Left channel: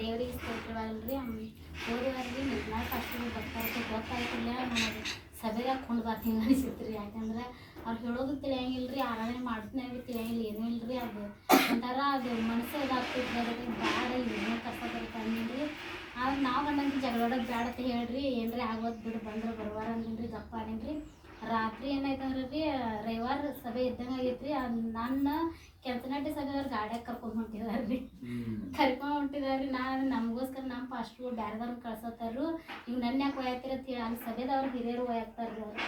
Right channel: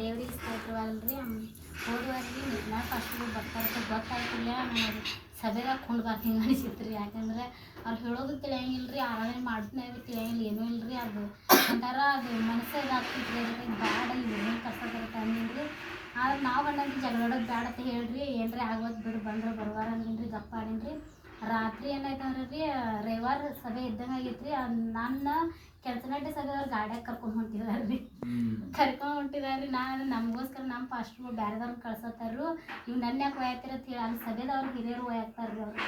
ದೇವ್ರಿಗೆ ಸ್ತೋತ್ರವಲ್ರಿ. ಹೋದವಾರ್ರಿ ನಿರ್ಮಲಾ ಫಾಸ್ಟ್ಗಳು ಬರ್ತಾರೆ ಗೊತ್ತಾಯ್ತಿಲ್ಲ. ನನಗೆ ಸಭೆದಾಗ ಕುಂಡ್ಬಾರ್ದು ಹಿಂಗೆ ಅನಿಸಿತ್ತು ರೀ. ಯಾಕಂದ್ರೆ ಅವ್ರು ಹೇಳೋದು ತಿಳಿಯಂಗಿಲ್ಲ ರೀ, ಆರಾಧನೆ ಮಾಡಿದ್ನಾಗ ತಿಳಿಯಂಗಿಲ್ಲ, ಏನೂ ಇಲ್ಲ ರೀ. ಅದು ಒಂಥರ ಅದು ಮನಸ್ಸು ಇದಾಗ್ತೈತಿ ರೀ, ಬ್ಯಾಡ ಏನೇ ಕಷ್ಟ ಬರುತ್ತೆ ಅಂದಿಲ್ಲ ರೀ. ಆದ್ರೆ ನಾವು ಗಂಡಂತ ಜಗಳಾಡೋದು ಬ್ಯಾಡ ಅಂತ ಹೇಳ್ರಿ, ಏನ್ರಿ ಆಗೋದು ಬಿಡು ಬಂದ್ರೆ ಬರುವಾರ ಅಂದಿನಿ ಗಪ್ಪ ಆಡೀನಿ ರೀ. ರಾತ್ರಿ ಏನಾಯ್ತಂದ್ರೆ ರೀ, ರವಿವಾರ ಸಭೆ ಇದ್ದಂಗೆ ಆಗೈತೆ ರೀ. ನನ್ನ ಕೆಂಚನಹಳ್ಳಿ ಸಭೆಯವ್ರು ಗಾಡ್ಯಾಗ ಕರ್ಕೊಂಡು ಹೊಂಟಿದಾರೆ ರೀ. ಕರ್ಕೊಂಡು ಹೊಂಟಿದಾರೆ ರೀ. ನಾನು ನಮಗೋಸ್ಕರ ನಮ್ಮ ಪಾಸ್ಟ್ರು ಬೇರೆದವ್ರನ್ನ ಕಳ್ಸತ್ತಾರು. ನೀವು ನನ್ನ ಯಾಕೆ ಒಯ್ಯಾತಿರತ್ತೆ ಅಲ್ಲಿ ಸಭೆದವ್ರು ಹಿರಿಯರು ಒಯ್ಯಾಕ್ತಾರೆ ರೀ. ಅವ್ರು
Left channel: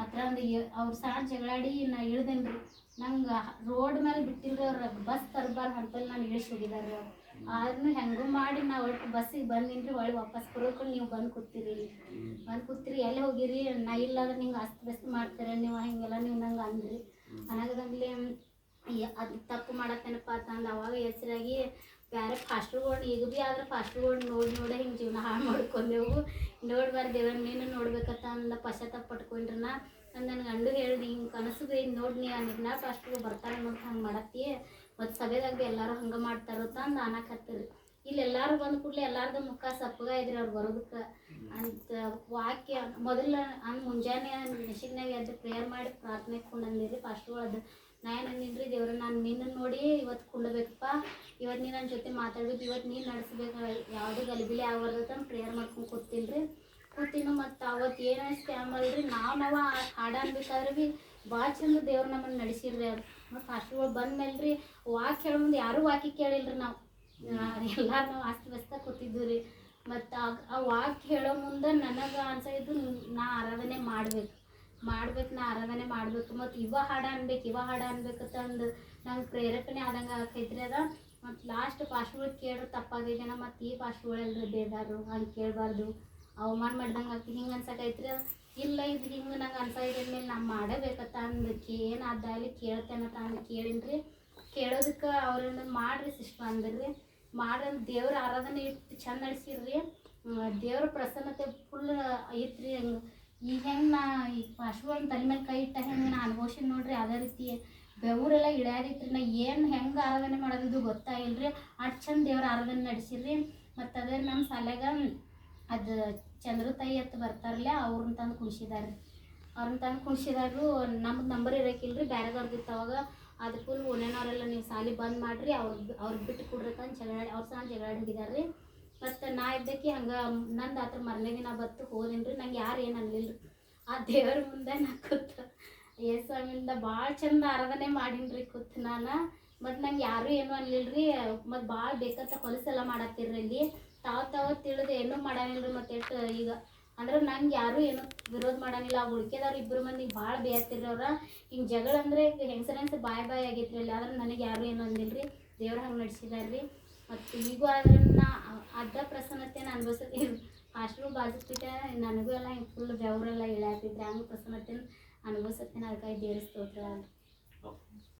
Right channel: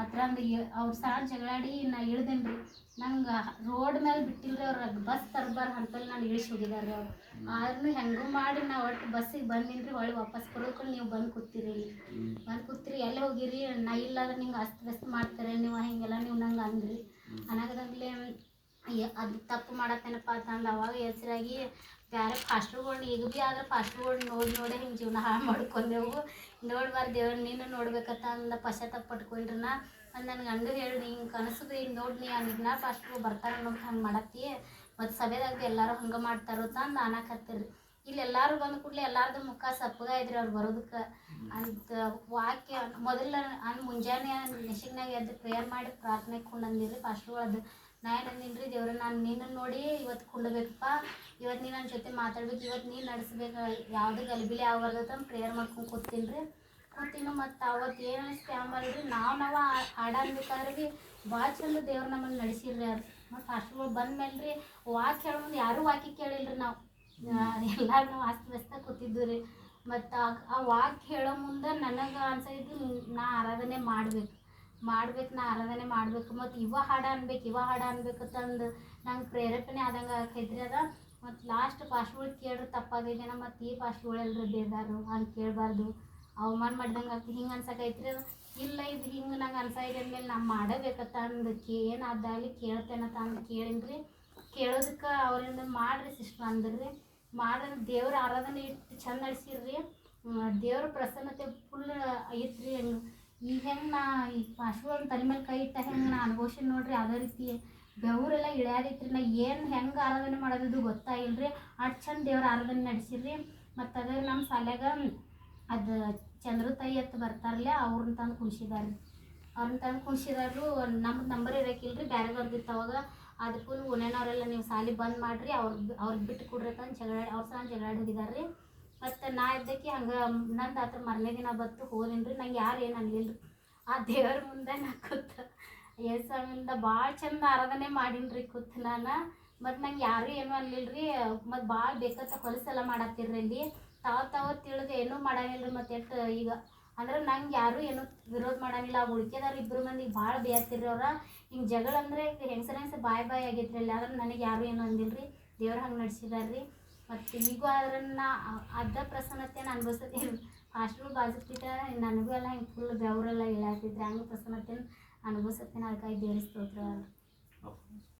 ಆ ಥರ ಒಂದು ಅವ್ರು ಸಾಣ್ ಜಗಳಾಡಿ ನಾ ಇಳ್ದೇನೆ ರೀ. ನಂಗೆ ರೋಡ್ ಮೇಲೆ ಬಿಟ್ಟಿಲ್ರಿ ಅವ್ರು, ಬಸ್ ತರಬಾರ್ದು ಅಂತಲ್ಲಿ ನಾನು ಇಳಿಸಿ ಹೋಗಿದ್ದಾರೆ ರೀ ಅವ್ರು. ಆದ್ರೂ ಹೆಂಗೂ ಮಾಡಿ ನಾವು ಒಟ್ಟು ಬಸ್ಸಿಗೆ ಬಂದಿನಿ ರೀ. ಒಳ್ಳೆ ವಾಪಸ್ ಬರೋಕೊಂಡು ನೀವು ಬಂದು ಕೂತೀರಿ ಇಲ್ಲಿ, ಬಂದು ಕೂತಿರಿ ಎಲ್ಲಿ ಹೋಗಿರಿ, ನಾ ಇಲ್ಲಾದ್ರೆ ನಿಂಗೆ ಅಸ್ತ ಮಾಡ್ತಾರೆ ನೀವು, ಹಿಂಗೆಲ್ಲ ನೀವು ನಂಗೆ ಅಂದ್ರಿ. ಅನಾಗದಾಗಲೇ ಅದು ತಪ್ಪು ಮಾಡತ್ತೇನಪ್ಪ ಅಂತಂದು ಅವಾಗ ಎಚ್ಚರಾಗಿ ಬೇರೆ ಫಾಸ್ಟ್ರುಗಳ್ನ ಈಗ ಭೀ ಆದ್ರೆ ಫಾಸ್ಟ್ರುಗಳ್ನ ನೋಡಿ ಹಿಂಗೆ ಜೀವನ ಹಾಳು ಮಾಡ್ಕೊಂಡೆವು. ನೋಡ್ಬಾರ್ದು ದೇವ್ರ ನೀನು ನೋಡ್ಬೇಕತ್ತ ಅಂದ ಪಶ್ಚಾತ್ತಾಪ ಪಟ್ಕೊಂಡ್ರಿ. ನನ್ನ ಗಂಡು ಹೇಳಿ ಹಿಂಗೆ ಕನಸು ಭೀ ಹಿಂಗೆ ನೋಡಿ ನೀ ಆ ನಿರ್ಮಲಾ ಫಾಸ್ಟ್ರು ಬರ್ತಾರೆ ಅನ್ನೋದು ಹಂಗೆ ಮಾಡತ್ತಿ, ಮತ್ತು ಸಭೆದಾಗ ಭೀ ಎಲ್ಲರೂ ಹಂಗೆ ಮಾಡ್ತಾರೋ ತಂದು ಅನ್ನಕತ್ತೀರಿ. ಇಲ್ಲಿ ಎಲ್ಲರೂ ಬಂದ ಕೂಡಲೇ ಎಲ್ಲಾರ್ದು ಮುಖ ಸಪ್ಪಗ ಇದ್ರಿ ಅವ್ರು ಬರೋದಕ್ಕೆ ಅಂತ ವಾಕ್ಯ ಮೊದಲ ಮುಂಜಾನೆ ನೆಶಿಗ್ನಾಗ ಎದ್ದು ಪ್ರೇಯರ್ ಮಾಡಿ ಪ್ರಾರ್ಥನೆ ಕೊಂಡಂದಿರಿ ಫಾಸ್ಟ್ರುಗಳದ್ದು. ನಾ ಏನು ಅಂದಿನಿ ರೀ, ದೇವ್ರ ನಾನು ನಿನ್ನನ್ನು ನೋಡಿ ಇವತ್ತು ಕುಂಡಬೇಕಪ್ಪ, ಇವತ್ತು ನೀನು ನನ್ನ ಜೊತೆ ಮಾತಾಡ್ಬೇಕು, ಇವತ್ತು ನೀನು ನಡೆಸ್ಬೇಕು, ಯಾವುದೇ ಗಲಿಬಿಲಿ ಆಗ್ಬಾರ್ದು ಪ್ರೇಯರ್ ಮಾಡ್ಕೊಂಡು ಕೂತೀನಿ ರೀ. ಕೂತಿನ ಮತ್ತು ಅವತ್ತು ಏನು ಸ್ಕ್ಯಾಮ್ ಅಲ್ರಿ, ನಾವು ಹಾಡು ಅನ್ಬೇಕಾದ್ರೆ ಭೀ ಭಾಳ ಚಂದ ದೇವ್ರು ನಮ್ಮನ್ನು ನಡೆಸಿರ್ರಿ. ಅದು ಮತ್ತು ಫಾಸ್ಟ್ರುಗಳು ಬಂದ ಮೇಲೆ ರೀ ವಾಕ್ಯ ಹೇಳೋ ಮುಂದೆ ಯಾರೂ ವಾಕ್ಯ ಕೇಳಿಲ್ರಿ. ನಾವು ಎಲ್ಲರೂ ನಾವು ಅಸ್ತವ್ಯಸ್ತ ಕೂತಿದ್ವಿ ರೀ. ಮತ್ತು ಆ ವಾಕ್ಯ ಹೇಳೋ ಮುಂದೆ ನನಗೆ ಅನ್ಸೋದು ನಾ ಆರಾಧನೆ ಮಾಡ್ಬೇಕು, ನಾ ಆರಾಧನೆ ಮಾಡಬೇಕು, ಮತ್ತು ಇವ ಹಾಡು ಅನ್ಬೇಕಂತಂದು ನಂಗೆ ಪ್ರೇರೇಪಣೆ ಆದಂಗೆ ಆಕೈತ್ರಿ ಅದ. ಮತ್ತು ಲಾಸ್ಟ್ ಫಾಸ್ಟ್ಗಳು ಕೇಳ್ರಿ ತಪ್ಪಾಗೈತೇನ, ಮತ್ತು ಈ ಫಾಸ್ಟ್ಗಳೆಲ್ಲರೂ ಬೇದಾರು ಹಂಗೆ ಕೇಳಬಾರ್ದು, ಅವಮಾನ ಮಾಡ್ದಂಗೆ ಆಗ್ತದೆ ಹಿಂಗೆ ಅನ್ಸಕೈತ್ರಿ. ಇಲ್ಲ ಇದು ಹಿಂಗೆ ನಂಗೆ ಅನ್ಸೈತೆ ಅಂದಮೇಲೆ ನಾ ಮಾಡಬೇಕತ್ತ ಅಂದು ಏನಾದಲ್ಲಿ ಕೇಳ್ತೇನತ್ತ ಅಂದು ಕೇಳೀನಿ ರೀ. ಕೇಳೋದಕ್ಕೆ ಅವ್ರೇನು ಮಾಡಿರಿ ಸಿಸ್ಟ್ರ್ ಅಂದ್ರಿ. ಮಾಡಿ ದೇವ್ರ ಆರಾಧನೆ ಇಟ್ಟು ಚಂದ ನಡೆಸಿರ್ರಿ. ದೇವ್ರ ಪ್ರಸನ್ನತೆ ಫುಲ್ ಐತ್ರಿ. ಹಂಗೆ ಈಗ ಹೆಂಗೆ ನಾ ಈ ಫಾಸ್ಟ್ಗಳನ್ನ ತಲೆ ಮೇಲೆ ಕೈ ಇಟ್ಟ ಹೆಂಗೆ ನಾ ಅನುಭವಿಸಿ ನೋಡ್ರಿ, ಅದೇ ರೀತಿ ಬೆವರೆಲ್ಲ ಇಳ್ಯಾದೈತ್ರಿ. ನಾ ಏನು ಹೆಂಗೆ ಆರಾಧನೆ ಮಾಡೋದು ಗೊತ್ತಾಗಿಲ್ಲ ರೀ. ಅಷ್ಟು ಚಂದ ದೇವ್ರ ಆರಾಧನೆ ನಡೆಸಿರ್ರಿ. ಮತ್ತು ಅದೇ ನಮ್ಮ ಶಾಲ್ಯಾಗ ಅದು ಚಂದ್ರು ತಾಯಿ ಅಂತ ಬರ್ತಾರಲ್ಲ ಅವ್ರನ್ನ ತಂದು ಕುಣಿಸಿದಾರೆ. ನಮ್ಗೆ ನಂಬರ್ ಇರೋಕ್ಕಿಲ್ಲ ರೀ, ಬೇರೆದವ್ರದ್ದು ಅವಾಗ. ಅದು ಫುಲ್ ಓನೇನವರೆಲ್ಲ ನೀವು ಶಾಲೆ ಬಂದ್ ಮಾಡಿರಿ, ಅವ್ರಿಗೆ ಬಿಟ್ಟು ಕೊಡ್ರಿ ಅಂತ ಅವ್ರ ಸಹ ಜಗಳಾಡಿ ಹೋಗಿದಾರೆ ರೀ. ಮತ್ತು ನಾ ಇದ್ದಕ್ಕೆ ಹಂಗೆ ನಂದು ಆತ್ರ ಮರನೇ ದಿನ ಬತ್ತು ಹೋದೇನಿ ರೀ. ನಂಗೆ ಯಾರು ಏನು ಅನ್ಲಿಲ್ಲ ರೀ. ಆ ದೇವ್ರ ಮುಂದೆ ನಾ ಕೂತು ಏಸಾಮಿಂದ ಭಾಳ ಚಂದ ಆರಾಧನೆ ಮಾಡೀನಿ ರೀ ಕೂತು ನಾನು. ಮತ್ತು ನಂಗೆ ಯಾರೂ ಏನೂ ಅನ್ಲಿಲ್ಲ ರೀ. ಮತ್ತು ಭಾಳ ಬೇಕಂತ ಹೊಲಸೆಲ್ಲ ಮಾಡತ್ತಿರ್ರಿ ಇಲ್ಲಿ. ತಾವು ತಿಳಿದು ಏನೂ ಮಾಡಂಗಿಲ್ಲ ರೀ. ಮತ್ತು ಎಷ್ಟು ಈಗ ಅಂದ್ರೆ ನಂಗೆ ಯಾರೂ ಏನೂ ವಿರೋಧ ಮಾಡಂಗಿಲ್ಲ. ಆ ಉಳ್ಕೆದವ್ರು ಇಬ್ಬರು ಮಂದಿಗೆ ಭಾಳ ಬೇಯತ್ತಿರ್ರಿ ಅವ್ರ. ಹಿಂಗೆ ಜಗಳ ಅಂದರೆ ಹೆಂಗಸರ ಬಾಯ್ ಆಗೈತ್ರಿ ಅಲ್ಲಿ. ಆದ್ರೆ ನನಗೆ ಯಾರೂ ಏನೂ ಅಂದಿಲ್ಲ ರೀ. ದೇವ್ರು ಹಂಗೆ ನಡೆಸಿದಾರೆ ರೀ. ಮತ್ತು ಈಗೂ ಅದನ್ನು ಅರ್ಧ ಪ್ರಸನ್ನತೆನ ಅನುಭವಿಸ್ತೀನಿ. ಫಾಸ್ಟ್ರು ಬಾಜುಪೀಠ ನನಗೂ ಎಲ್ಲ ಹಿಂಗೆ ಫುಲ್ ಬೆವರೆಲ್ಲ ಇಳ್ಯಾತಿದ್ರೆ ಹಂಗೆ ಪ್ರಸನ್ನತೆನ ಅನುಭವಿಸುತ್ತೇನೆ. ಅದಕ್ಕಾಗಿ ದೇವ್ರ ಸ್ತೋತ್ರ.